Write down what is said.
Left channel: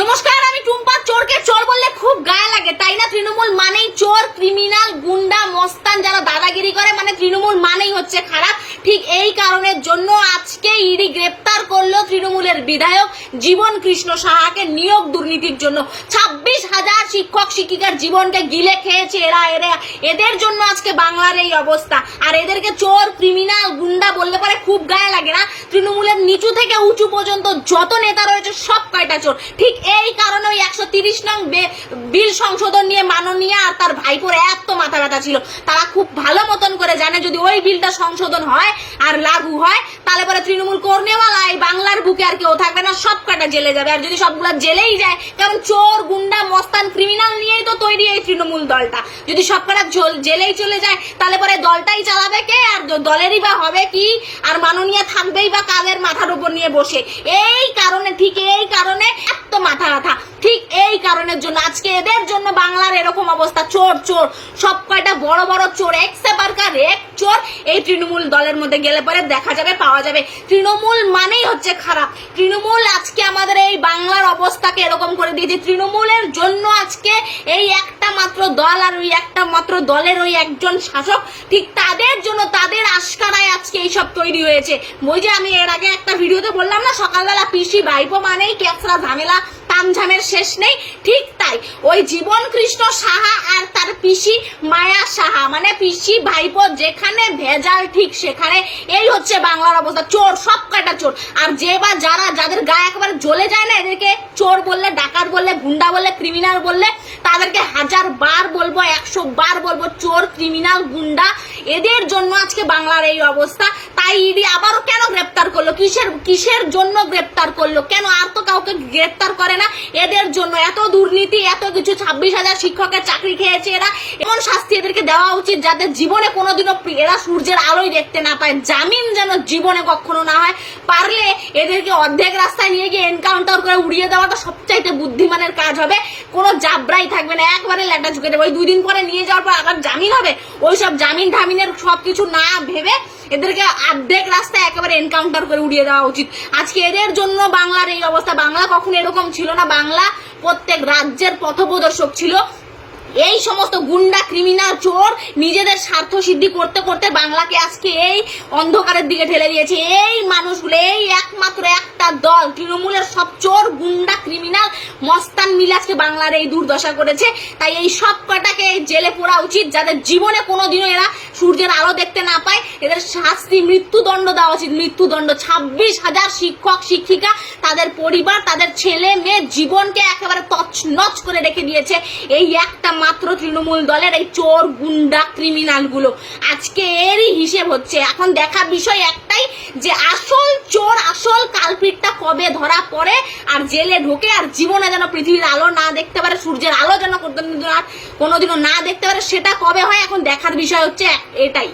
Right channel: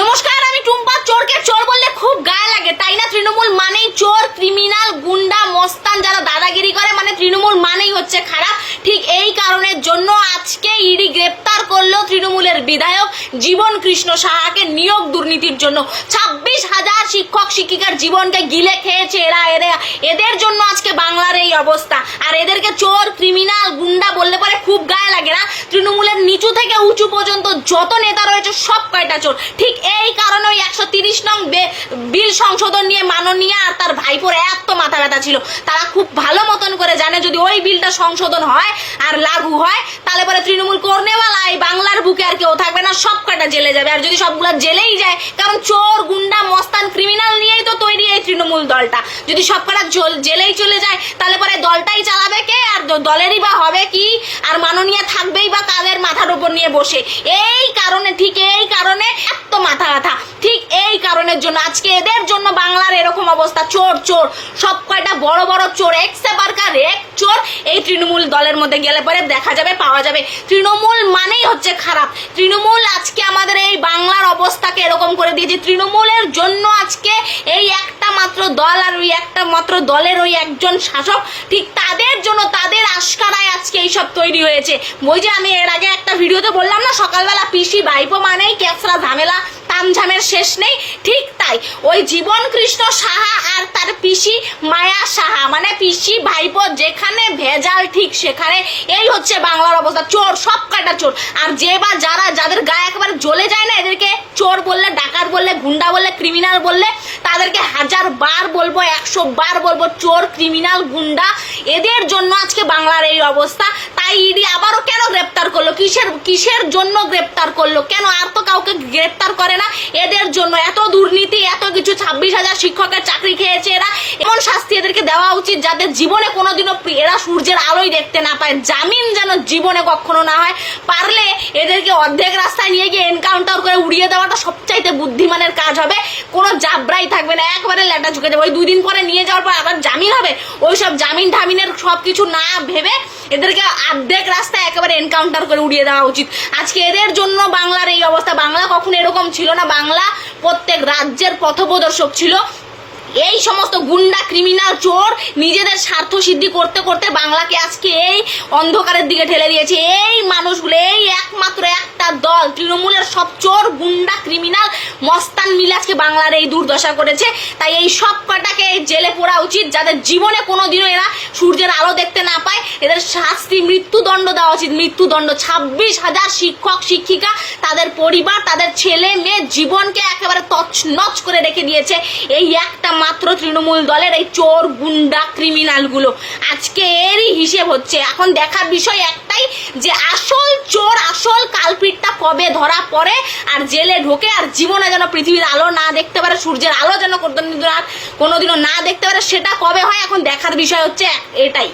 নমস্কার, আমি টুম্পা। চোরকে চোর বললে খুব গায়ে লাগে, তাই না? তৃণমূল মানেই চোর, ক্রিমিনাল, গুন্ডা, মস্তান, যারা দাদাগিরি করে, মানে তৃণমূল মানেই হচ্ছে খারাপ। ঠিক এই কারণের জন্য আজকে ইডি গ্রেপ্তার করলো তৃণমূলের বিধায়ক জীবন কৃষ্ণ সাহাকে নিয়োগ দুর্নীতির জন্য। 26,000 শিক্ষক শিক্ষিকার জীবনকে গিলে খেয়েছে এরা। এদের জন্য আজকে বাংলার এই অবস্থা। আর এদেরকে চোর, ক্রিমিনাল, গুন্ডা বললে পরে খুব গায়ে লাগে না? তৃণমূলের নিচু থেকে উঁচু পর্যন্ত যত নেতা রয়েছে সব কয়টা চোর। ঠিক এই কারণে ওই 130 নং বিল সংশোধন নিয়ে মাননীয় আর তার ভাইপোর এত মাথা ব্যথা ছিল। তারা খুব ভালো মতন করে জানে যদি ওই বিলটা সংশোধন হয় আর লাগু হয় তাহলে পরে তৃণমূল করনেওয়ালা এই বাংলার বুকে আর কেউ থাকবে না, সব কটা জেলে যাবে। আর যদি সবগুলা জেলেই যায়, কারণ চোর, গুন্ডা, মস্তান, ক্রিমিনাল নিয়েই তো তৈরি এই তৃণমূল দলটা। যদি সব কটা জেলেই চলে যায় তাহলে পরে দলটাই চালাবে কে? আর দলেরই বা হবে কি? আর মাননীয় থাকবেই বা কাদের মাথার উপর নিয়ে বসে? এই কারণে, ঠিক এই কারণে এত মাথা ব্যথা। ঠিক এই কারণের জন্য আজকে এদের জন্য বাংলার এরকম অবস্থা। চোর চোর সব কয়টা বড় বড় চোর, এক সেপারকার এক চোর এই তৃণমূল দলের মধ্যে গেলে পরে দেখা যাবে, পাওয়া যাবে। তৃণমূল মানেই হচ্ছে খারাপ। তৃণমূল আজকে আমাদের এই বাংলার অবস্থাকে এরকম করে দিয়েছে। তৃণমূলের জন্য আজকে এই একটা মাত্র দল আর ওই একটা মাত্র দলের ওই একজন শাসক, ঠিক তাদের জন্য, তাদের আশকারায় আজকে এইসব তৈরি হয়েছে। ওই যে আমি এর আগে একটা ভিডিওতে বললাম না, সকালবেলা পিসি ভাইপো মানেই ক্যাপসরা ঝামেলা, তামঝামের শেষ নেই। ঠিক তাই ওই জীবন কৃষ্ণ সাহা আর তার পিসি মায়া সাহা, মানে পিসি ভাইপো যেখানে ভেজাল ঠিক সেখানে। এই হচ্ছে বাংলার অবস্থা। চোর, সব কয়টা চোর। আর যে বা যাদের গায়ে একেবারে জ্বলে যায় না, এদেরকে চোর বললে, ডাকাত বললে, গুন্ডা বললে, ক্রিমিনাল বললে, তাদেরকে 1000 বার বলবো, 100 বার বলবো, চোর, ক্রিমিনাল, গুন্ডা। এদের জন্য আজকে বাংলার এই অবস্থা। তাই ইডি আবারও কেন গ্রেপ্তার করলো? কিসের জন্য গ্রেপ্তার করলো? কেন? আর তো কাউকে গ্রেপ্তার করে না। এদের জন্য এত দুর্নীতি, এত কিছু। 26,000 শিক্ষকের চাকরি খেয়েছে এরা। এমন শাস্তি এদেরকে দেওয়া উচিত যাদের জীবনে কোনোদিনও এরা সূর্যের আলোই দেখতে না পায়। জামিন যেন জীবনে কখনো না হয়। পারলে এদেরকে অর্ধেক রাস্তায় নিয়ে গিয়ে এনকাউন্টার করে উড়িয়ে দেওয়াটা সবচাইতে বুদ্ধিমানের কাজ হবে। কোনো জাবরাই থাকবে না, একবারে লেটা ঝুঁকে যাবে। ওই 2 দিন পরে নিয়ে যাওয়ার পর আবার জামিন হবে। ওইসব জামিন ঠামিনের সবকিছু না ভেবে এদেরকে অর্ধেক রাস্তায় একেবারে এনকাউন্টার করে উড়িয়ে দেওয়া উচিত। আজকে এদের জন্য বাংলার এই অবস্থা। বাংলা কখনো এরকম ছিল না। বাংলা প্রত্যেক রাজ্যের পথপ্রদর্শক ছিল। এই সমস্ত গুন্ডা, ক্রিমিনাল, চোর নিজেদের স্বার্থ সিদ্ধি করতে করতে বাংলাকে আজকে এই অন্ধকারের দিকে ঠেলে দিয়েছে। এই মানুষগুলো, এই একমাত্র একটা দল তৃণমূলের সব চোর, গুন্ডা, ক্রিমিনাল, মস্তান মিলে আজকে বাংলার এই দুর্দশা করেছে। তাই এই সব কটাকে জেলে পোড়া উচিত, যাদের জীবনে কোনোদিনও এরা সূর্যের আলো দেখতে না পায়। এদের শাস্তি, মৃত্যুদণ্ড দেওয়া উচিত, মৃত্যুদণ্ড। 26,000 শিক্ষক শিক্ষিকা, তাদের পরিবার, তাদের ছেলে মেয়ে জীবনকে একেবারে তছনছ করে রেখে দিয়েছে এই একটা মাত্র তৃণমূল দলের এই চোর, গুন্ডা, ক্রিমিনাল গুলো। আজকে এরই হিসেব হচ্ছে। এখন দেখার বিষয় একটাই, যে আসল চোর, আসল কালপিটটা কবে ধরা পড়ে আর জেলে ঢোকে, আর জীবনে যেন পৃথিবীর আলো না দেখতে পারে, সূর্যের আলো যেন কোনোদিনও না দেখতে পারে, সেটা কবে হয় এখন দেখার বিষয় হচ্ছে এটাই।